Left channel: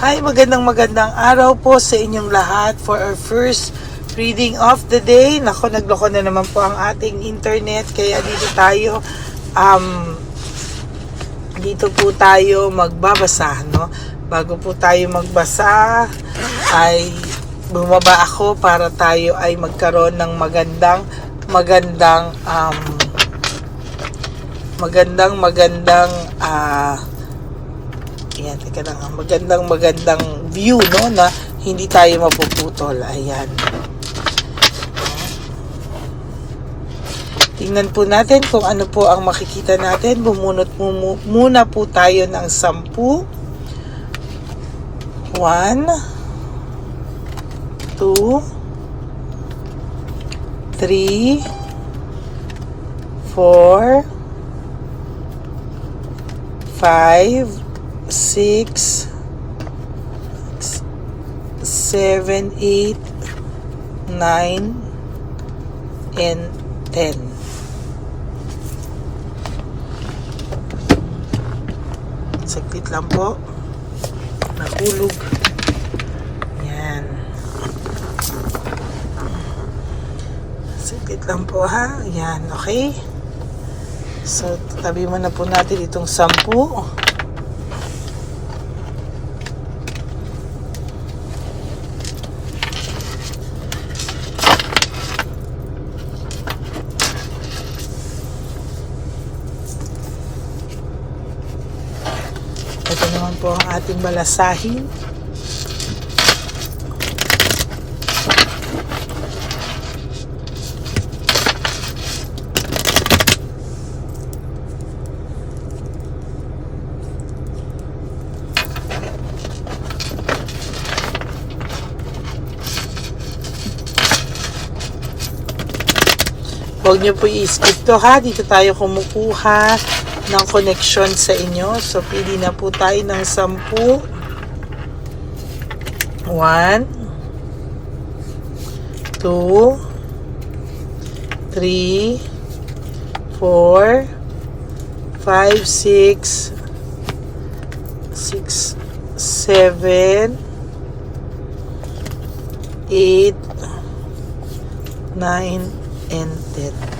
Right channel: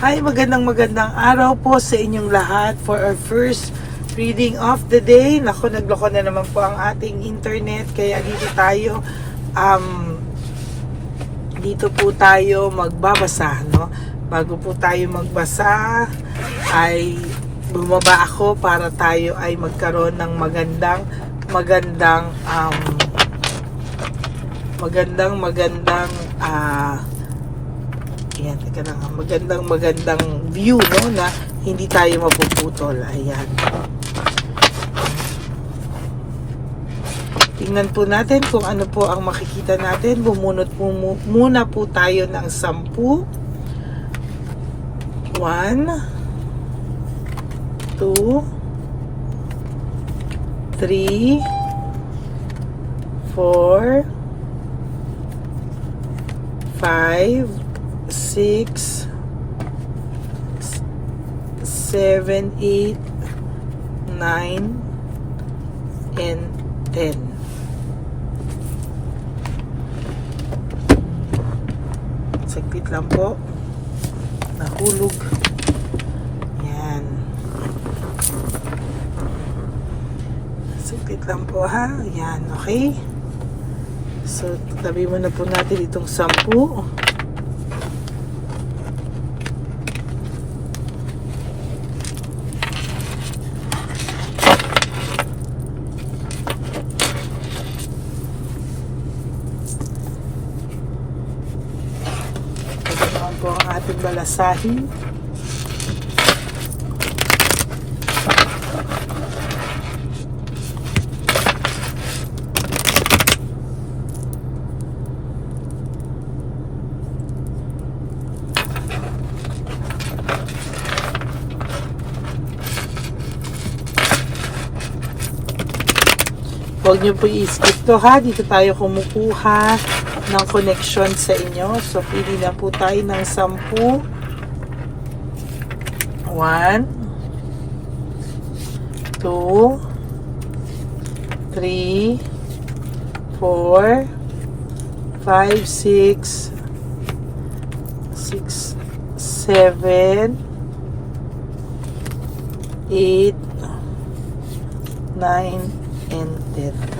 Hi, magandang magandang araw po sa inyong lahat for our first reading of the day. Nako, nagloko na naman po ang ating internet kaya dito tayo um, dito po tayo magbabasa, no? Bago po tayo magbasa ay bumaba ako para tayo ay magkaroon ng magandang magandang um, magandang magandang ah Ayan, teka lang. ah, Magandang magandang view, no? Na hindi tayo mapuputol. Ayan. Tingnan po natin kung ano po ang makikita natin. Bumunot mo mu- muna po tayo ng sampu. One. Two. Three. Four. Five six, s- seven, eight, nine, and ten. Saglit lang po. Nahulog. Yan. Saglit lang po ha. Yan, okay. So, tabi mo na po natin itong sampu. Ito naman po ang ating balasahin. Huwag niyo po i-skip to ha. Dito tayo kumukuha ng connection sa inyo. So, pili na po tayo ng 10. 1 2 3 4 5 6 6 7 8 9 and 10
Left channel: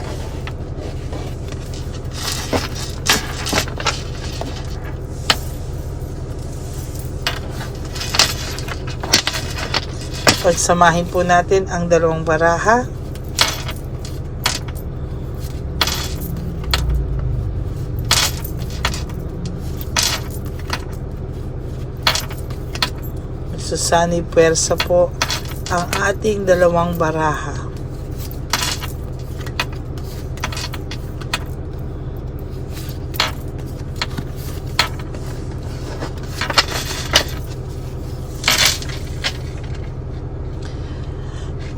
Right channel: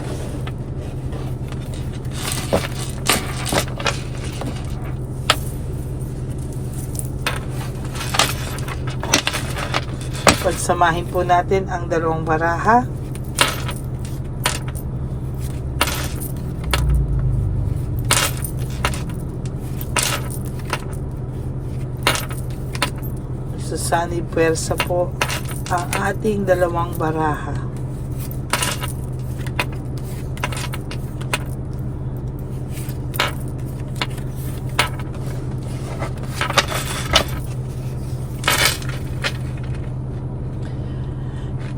pagsamahin po natin ang dalawang baraha. So, sana'y pwersa po ang ating dalawang baraha.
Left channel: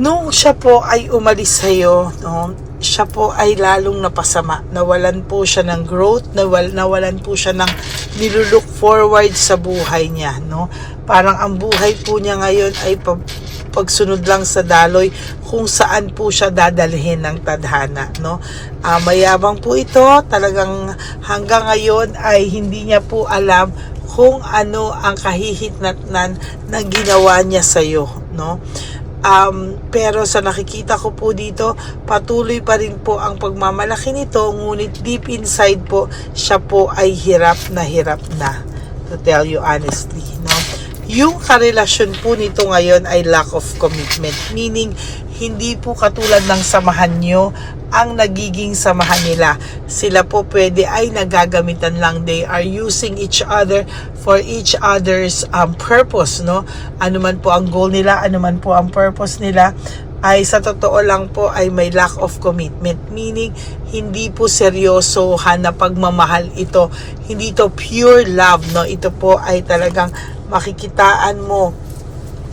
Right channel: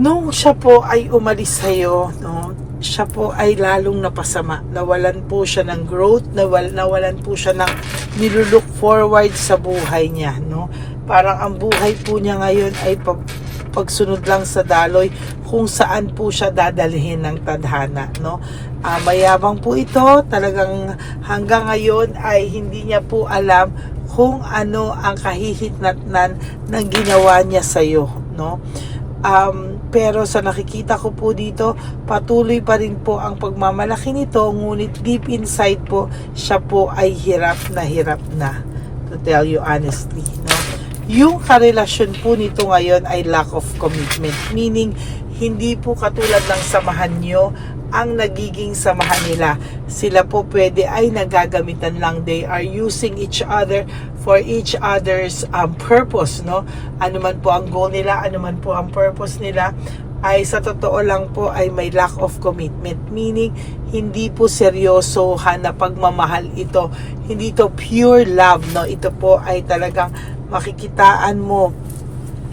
Nung siya po ay umalis sa'yo, no, siya po ay lalong napasama. Nawalan po siya ng growth, nawal, nawalan po siya ng nilulook forward sa buhay niya. No? Parang ang buhay po niya ngayon ay pag, pagsunod lang sa daloy kung saan po siya dadalhin ng tadhana. No? Ah, mayabang po ito, talagang hanggang ngayon ay hindi niya po alam kung ano ang kahihitnatnan na ginawa niya sa'yo. No? Um, pero sa nakikita ko po dito, patuloy pa rin po ang pagmamalaki nito, ngunit deep inside po, siya po ay hirap na hirap na. To tell you honestly, no? Yung karelasyon po nito ngayon ay lack of commitment. Meaning, hindi po katulad ng samahan nyo ang nagiging samahan nila. Sila po pwede ay nagagamitan lang. They are using each other for each other's um, purpose, no? Ano man po ang goal nila, ano man po ang purpose nila, ay sa totoo lang po ay may lack of commitment. Meaning, hindi po seryosohan na pagmamahal ito. Hindi to pure love, no? Ito po ay talagang makikitaan mo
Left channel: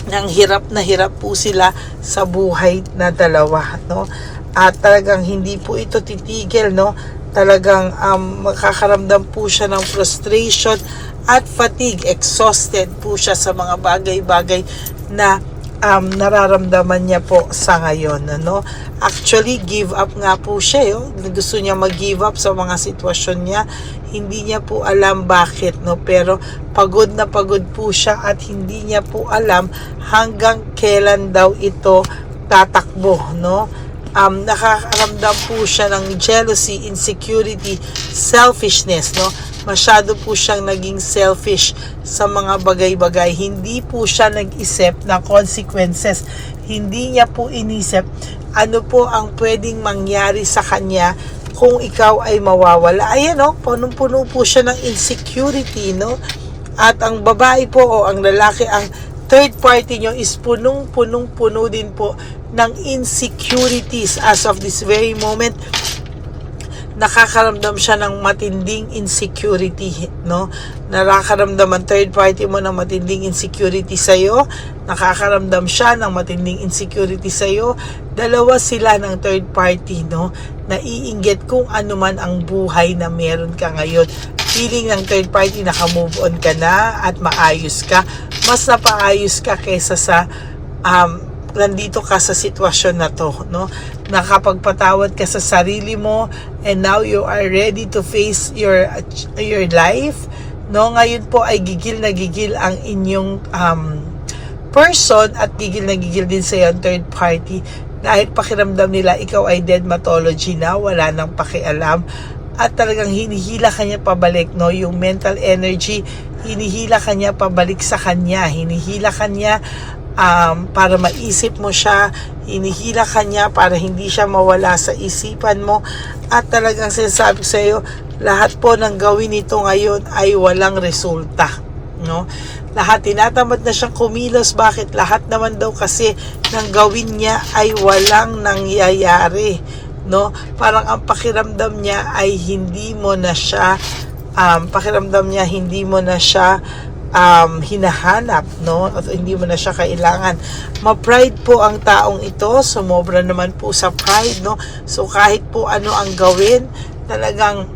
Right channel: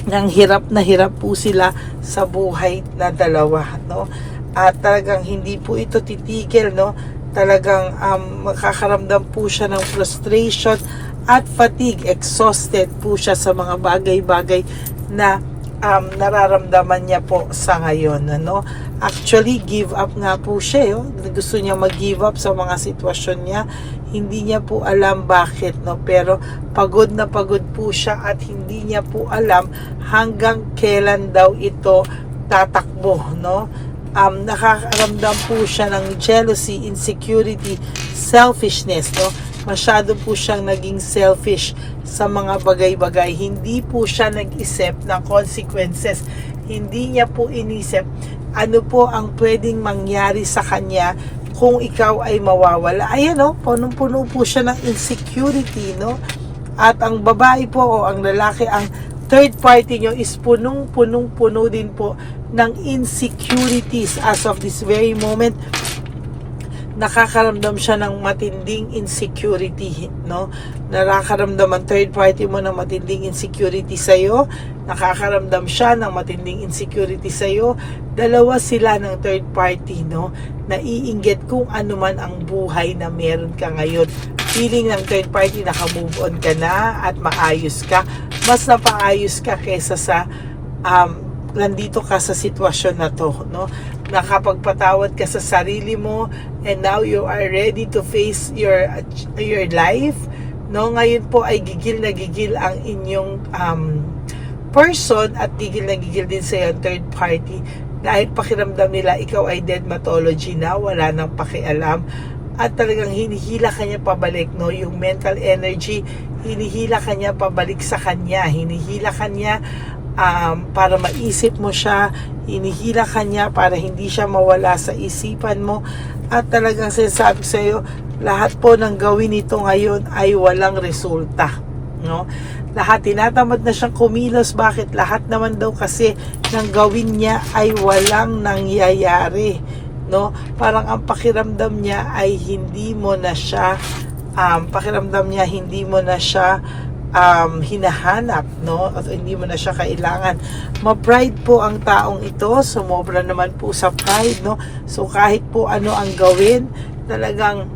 ng hirap na hirap po sila sa buhay na dalawa, no? At talagang hindi po ito titigil, no? Talagang um, makakaramdam po siya ng frustration at fatigue, exhausted po siya sa mga bagay-bagay na um, nararamdaman niya po sa ngayon. Ano? Actually, give up nga po siya. Yo. Gusto niya mag-give up sa mga sitwasyon niya. Hindi niya po alam bakit. No? Pero pagod na pagod po siya at hindi niya po alam hanggang kailan daw ito tatakbo. No? Um, nakakaramdam po siya ng jealousy, insecurity, selfishness, no? Masyado po siyang naging selfish sa mga bagay-bagay. Hindi po siya nag-isip ng consequences. Hindi niya po inisip ano po ang pwedeng mangyari sa kanya kung ikaw ay mawawala. Ayan, no? Punong-puno po siya ng insecurity, no? At ang babae po o ang lalaki, ang third party nyo is punong-punong-puno din po ng insecurities as of this very moment nakakaramdam siya ng matinding insecurity, no? Nakakaramdam ang third party mo ng matinding insecurity sa iyo, nakakaramdam siya ng matinding insecurity sa iyo. Dalawa sila ng third party, no? Naiinggit kung ano man ang buhay na meron ka ngayon. Feeling ng third party naka-move on ka na at maayos ka. Mas napaayos ka kaysa sa um, nandito ka sa sitwasyon na to, no? Nakapagpatawad ka sa sarili mo and now you are ready to face your your life, no? Ngayon po ay gigil na gigil ang inyong um, person at gigil na gigil din sa yung third party dahil pakiramdam nila ikaw ay dead mythology na, wala nang pakialam at talagang hinihila kanya pabalik no yung mental energy hinihila kanya pabalik sa kanya hinihila kanya um, para maisip mo siya, hinihila ka niya para hindi siya mawala sa isipan mo at talagang sinasabi sa iyo, lahat po ng gawin nito ngayon ay walang resulta. No? Lahat tinatamad na siyang kumilos. Bakit? Lahat naman daw kasi ng gawin niya ay walang nangyayari. No? Parang ang pakiramdam niya ay hindi mo na siya um, pakiramdam niya hindi mo na siya um, hinahanap, no? At hindi mo na siya kailangan. Ma-pride po ang taong ito, sumobra naman po sa pride, no? So kahit po ano ang gawin, talagang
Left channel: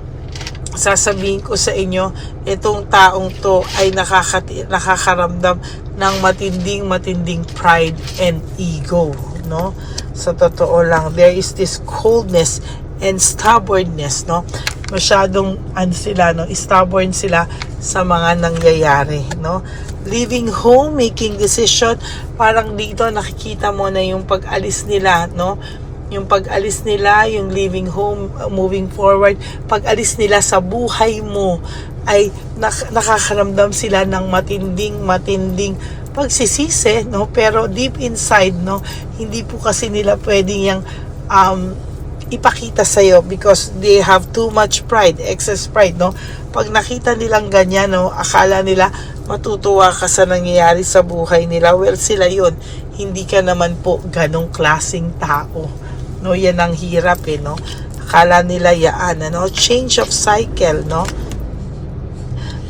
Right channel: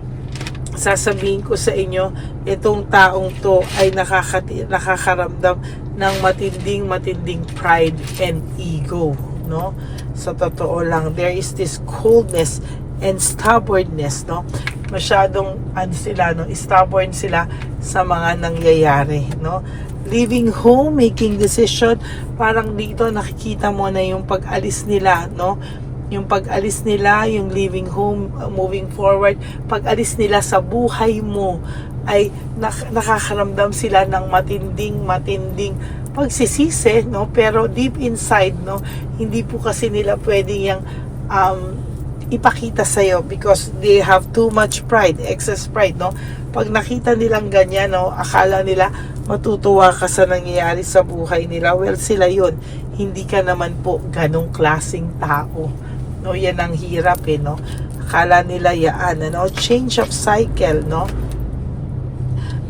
sasabihin ko sa inyo, itong taong to ay nakakati, nakakaramdam ng matinding matinding pride and ego, no? Sa totoo lang, there is this coldness and stubbornness, no? Masyadong ano sila, no? Stubborn sila sa mga nangyayari, no? Leaving home, making decision, parang dito nakikita mo na yung pag-alis nila, no? Yung pag-alis nila, yung leaving home, moving forward, pag-alis nila sa buhay mo, ay nak- nakakaramdam sila ng matinding, matinding pagsisisi, no? Pero deep inside, no? Hindi po kasi nila pwedeng yung um, ipakita sa'yo because they have too much pride, excess pride, no? Pag nakita nilang ganyan, no, akala nila matutuwa ka sa nangyayari sa buhay nila. Well, sila yon Hindi ka naman po ganong klasing tao. No, yan ang hirap eh, no? Akala nila yaan, ano? Change of cycle, no?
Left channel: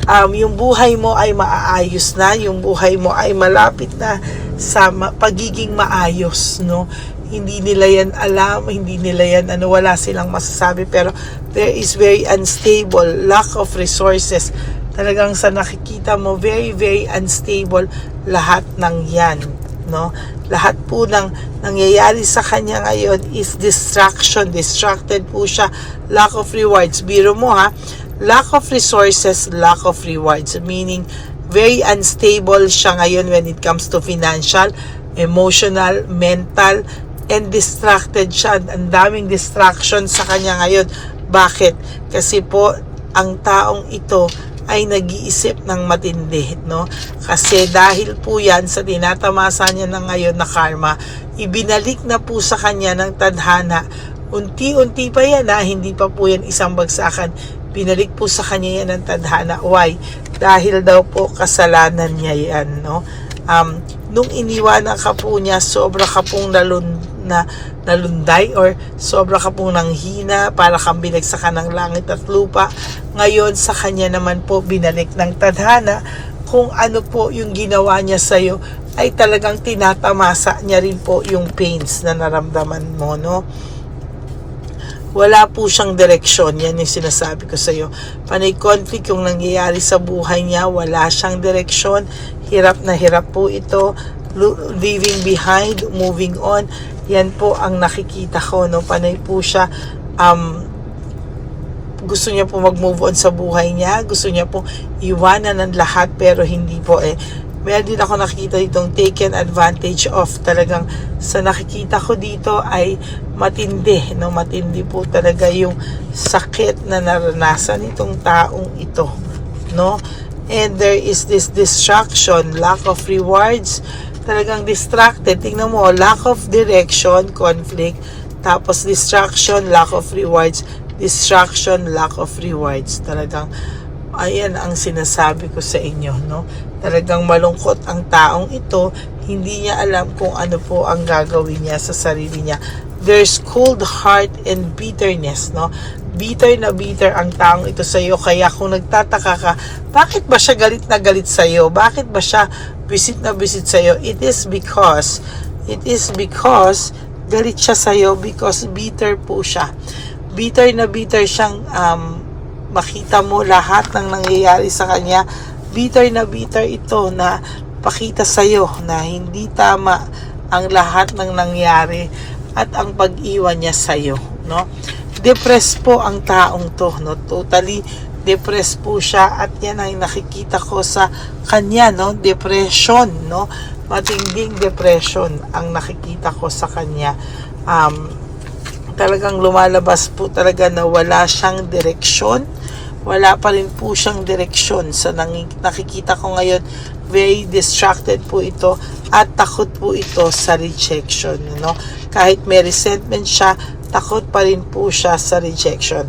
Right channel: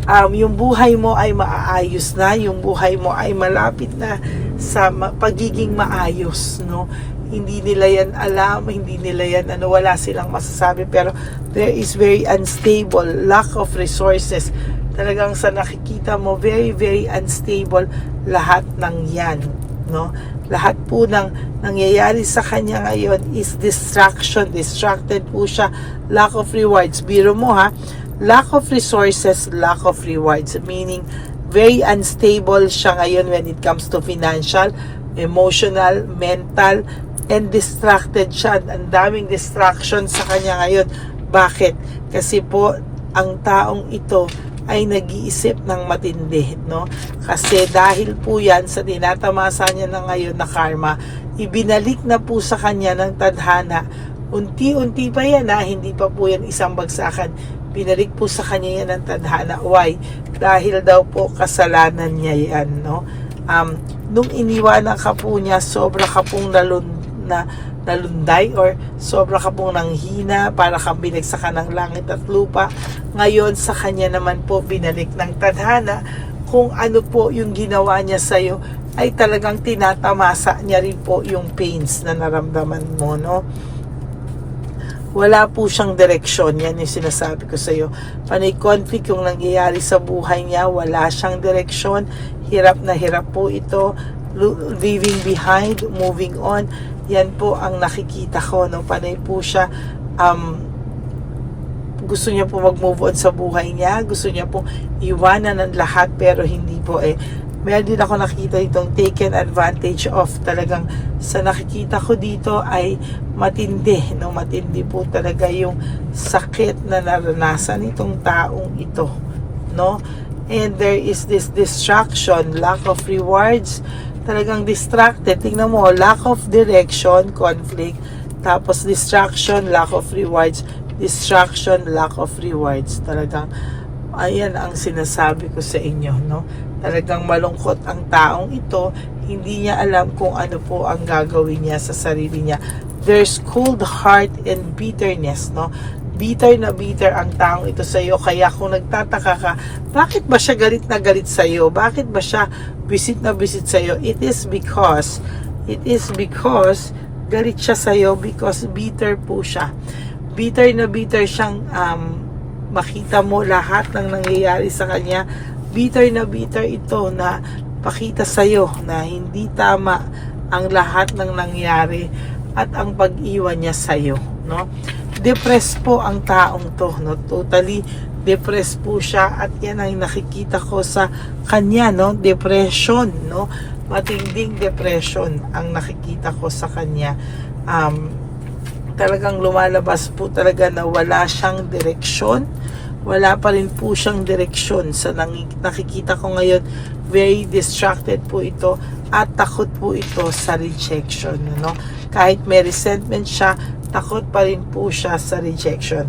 Um, yung buhay mo ay maaayos na, yung buhay mo ay malapit na sa ma- pagiging maayos, no? Hindi nila yan alam, hindi nila yan ano, wala silang masasabi pero there is very unstable, lack of resources. Talagang sa nakikita mo, very, very unstable lahat ng yan. No? Lahat po ng nangyayari sa kanya ngayon is distraction. Distracted po siya. Lack of rewards. Biro mo ha, lack of resources, lack of rewards. Meaning, very unstable siya ngayon when it comes to financial, emotional, mental, and distracted siya. Ang daming distraction sa kanya ngayon. Bakit? Kasi po, ang taong ito ay nag-iisip ng matindi, no? Kasi dahil po yan sa tinatamasa niya na ngayon na karma, ibinalik na po sa kanya ng tadhana. Unti-unti pa yan ha, hindi pa po yan isang bagsakan. Binalik po sa kanya yan ng tadhana. Why? Dahil daw po kasalanan niya yan, no? Um, nung iniwanan ka po niya, sobra ka pong nalun na nalunday or sobra ka pong nanghina para kang binagsakan ng langit at lupa. Ngayon sa kanya naman po binalik ng tadhana kung ano po yung ginawa niya sa iyo ay talagang tinatamasa niya rin po yung pains na naramdaman mo, no? Wala po siyang direksyon. Yan yung sinasabi ko sa iyo. Panay conflict yung nangyayari sa buhay niya. Wala siyang direksyon. Hirap na hirap po ito leaving behind, moving on. Yan po ang nakikita ko, no? Panay po siya, um, gusto niya po mag-move on sa buhay niya, gusto niya po iwanan ng lahat, pero hindi po eh. Meron din ako nakikita ditong taken advantage of talagang sa nakikita ko dito ay matindi, no? Matindi po talaga yung sakit na naranasan nitong taong ito, no? And there is this distraction, lack of rewards, talagang distracted. Tingnan mo, lack of direction, conflict, tapos distraction, lack of rewards, distraction, lack of rewards. Talagang, ayan ang sinasabi ko sa inyo, no? Talagang malungkot ang taong ito, hindi niya alam kung ano po ang gagawin niya sa sarili niya. There's cold heart and bitterness, no? Bitter na bitter ang taong ito sa iyo. Kaya kung nagtataka ka, bakit ba siya galit na galit sa iyo? Bakit ba siya visit na visit sa iyo? It is because, it is because galit siya sa iyo because bitter po siya. Bitter na bitter siyang um, makita mo lahat ng nangyayari sa kanya. Bitter na bitter ito na pakita sa iyo na hindi tama ang lahat ng nangyari at ang pag-iwan niya sa iyo, no? Depressed po ang taong to, no? Totally depressed po siya at yan ang nakikita ko sa kanya, no? Depression, no? Matinding depression ang nakikita ko sa kanya. Um, talagang lumalabas po talaga na wala siyang direksyon. Wala pa rin po siyang direksyon. Sa nakikita ko ngayon, very distracted po ito at takot po ito sa rejection. No? Kahit may resentment siya, takot pa rin po siya sa rejection.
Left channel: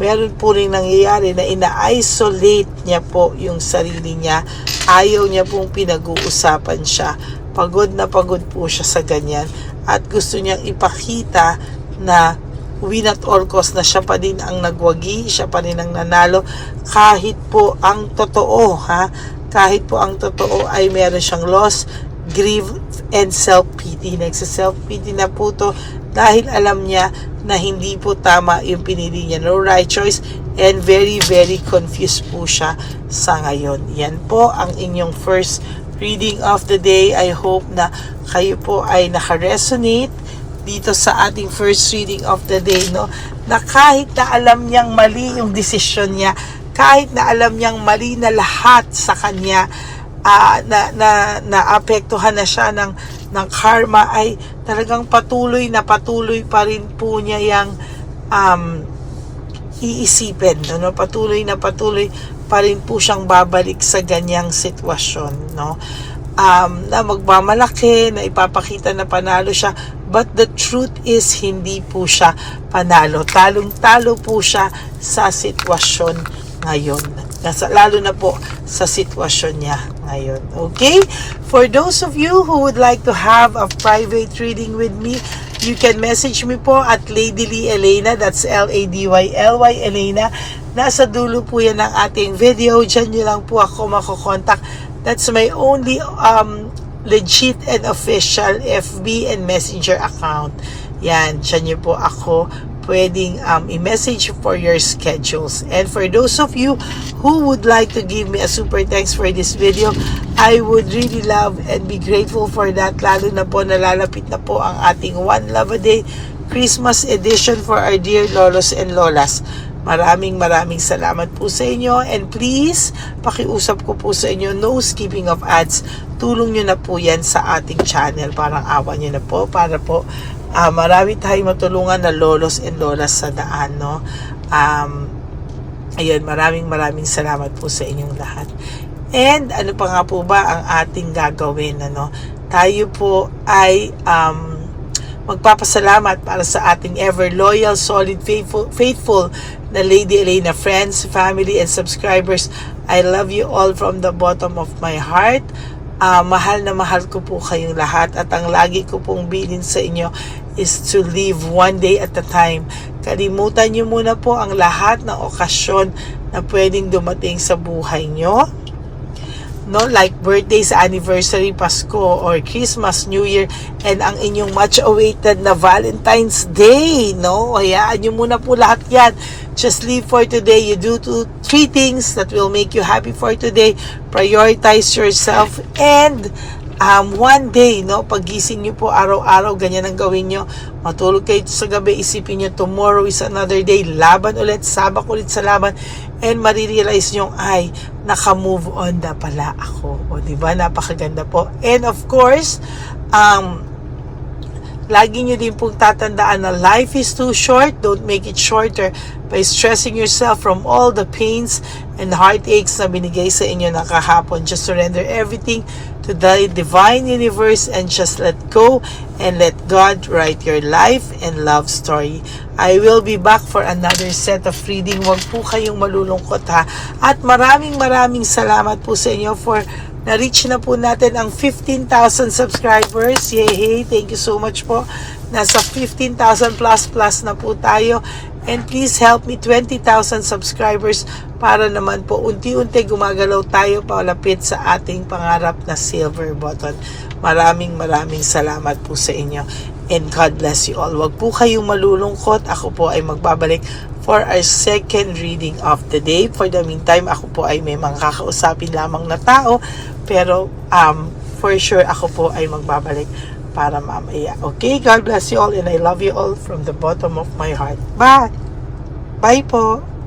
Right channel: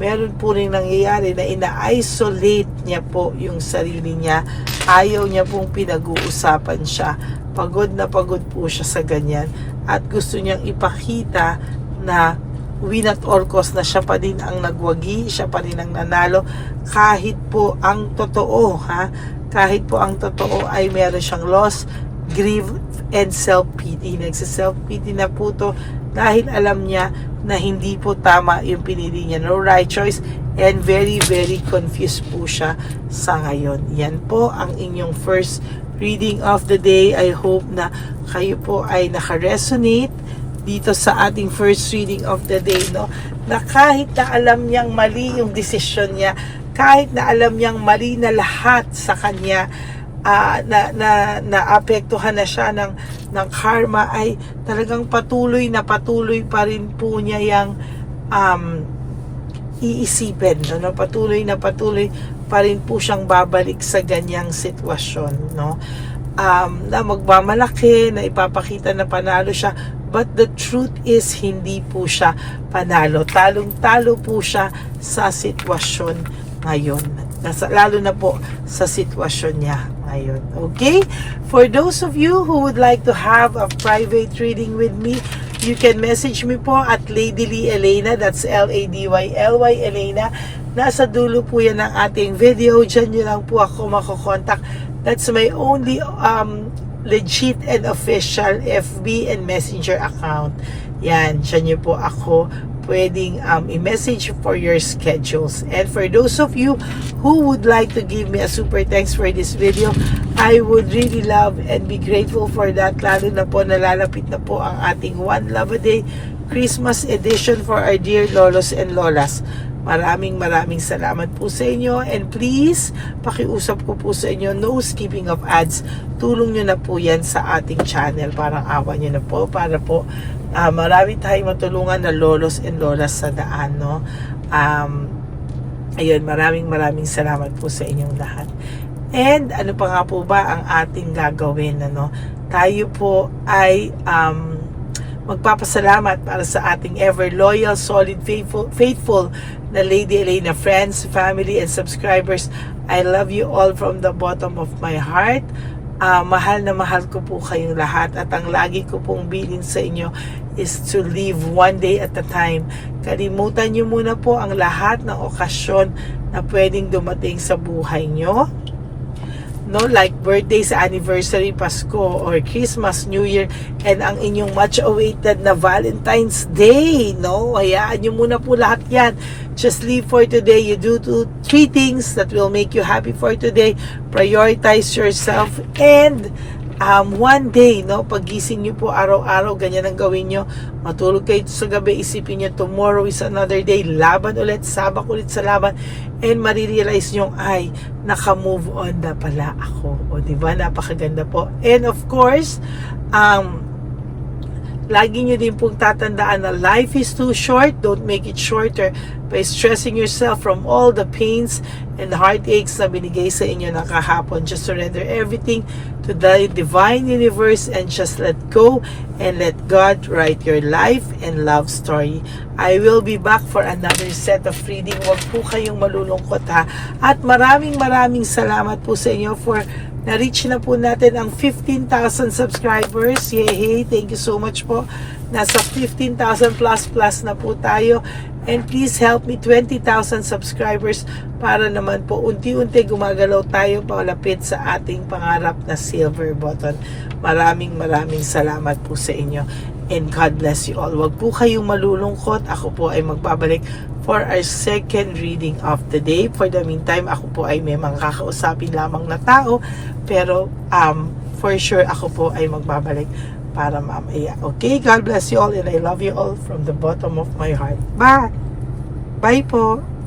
Meron po rin nangyayari na ina-isolate niya po yung sarili niya. Ayaw niya pong pinag-uusapan siya. Pagod na pagod po siya sa ganyan. At gusto niyang ipakita na win at all cost na siya pa din ang nagwagi, siya pa din ang nanalo kahit po ang totoo ha kahit po ang totoo ay meron siyang loss grief and self-pity nagsa-self-pity na po to dahil alam niya na hindi po tama yung pinili niya. No right choice. And very very confused po siya sa ngayon. Yan po ang inyong first reading of the day. I hope na kayo po ay naka-resonate dito sa ating first reading of the day, no? Na kahit na alam niyang mali yung desisyon niya, kahit na alam niyang mali na lahat sa kanya, ah, na, na, naapektuhan na siya ng, ng karma, ay talagang patuloy na patuloy pa rin po niya yung um, iisipin, no? no? Patuloy na patuloy pa rin po siyang babalik sa ganyang sitwasyon, no? Um, na magmamalaki, na ipapakita na panalo siya, But the truth is, hindi po siya panalo. Talong-talo po siya sa sitwasyon ngayon. Nasa, lalo na po sa sitwasyon niya ngayon. Okay? For those of you who would like to have a private reading with me, you can message me po at Lady Lee Elena. That's L-A-D-Y-L-Y Elena. Nasa dulo po yan ng ating video. Diyan nyo lang po ako makokontak. That's my only um, legit and official FB and Messenger account. Yan, dyan niyo po ako pwedeng um, i-message for your schedules. And for those of you who would like to give me a super thanks for this video, I would really love and be grateful for that. Lalo na po nalalapit na po ang ating One Love a Day Christmas edition for our dear lolos and lolas. Maraming maraming salamat po sa inyo and please pakiusap ko po sa inyo no skipping of ads tulong nyo na po yan sa ating channel parang awa nyo na po para po ah, marami tayong matulungan na lolos and lolas sa daan no um, ayun maraming maraming salamat po sa inyong lahat and ano pa nga po ba ang ating gagawin ano tayo po ay um, magpapasalamat para sa ating ever loyal, solid, faithful, faithful na Lady Elena friends, family, and subscribers. I love you all from the bottom of my heart. Ah, mahal na mahal ko po kayong lahat at ang lagi ko pong bilin sa inyo is to live one day at a time. Kalimutan nyo muna po ang lahat ng okasyon na pwedeng dumating sa buhay nyo no like birthday sa anniversary Pasko or Christmas New Year and ang inyong much awaited na Valentine's Day no? Hayaan nyo muna po lahat yan just live for today you do two, three things that will make you happy for today prioritize yourself and um, one day, no, pagising nyo po araw-araw, ganyan ang gawin nyo. Matulog kayo sa gabi, isipin nyo, tomorrow is another day. Laban ulit, sabak ulit sa laban. And marirealize nyo, ay, naka-move on na pala ako. O, di ba? Napakaganda po. And of course, um, lagi nyo din pong tatandaan na life is too short. Don't make it shorter by stressing yourself from all the pains and heartaches na binigay sa inyo na kahapon. Just surrender everything to the divine universe and just let go and let God write your life and love story. I will be back for another set of reading. Huwag po kayong malulungkot ha. At maraming maraming salamat po sa inyo for na-reach na po natin ang 15,000 subscribers. Yay! Thank you so much po. Nasa 15,000 plus plus na po tayo. And please help me 20,000 subscribers para naman po unti-unti gumagalaw tayo palapit sa ating pangarap na silver button. Maraming maraming salamat po sa inyo. And God bless you all. Huwag po kayong malulungkot. Ako po ay magbabalik for our second reading of the day. For the meantime, ako po ay may mga kakausapin lamang na tao. Pero um, for sure, ako po ay magbabalik para mamaya. Okay, God bless you all and I love you all from the bottom of my heart. Bye! Bye po!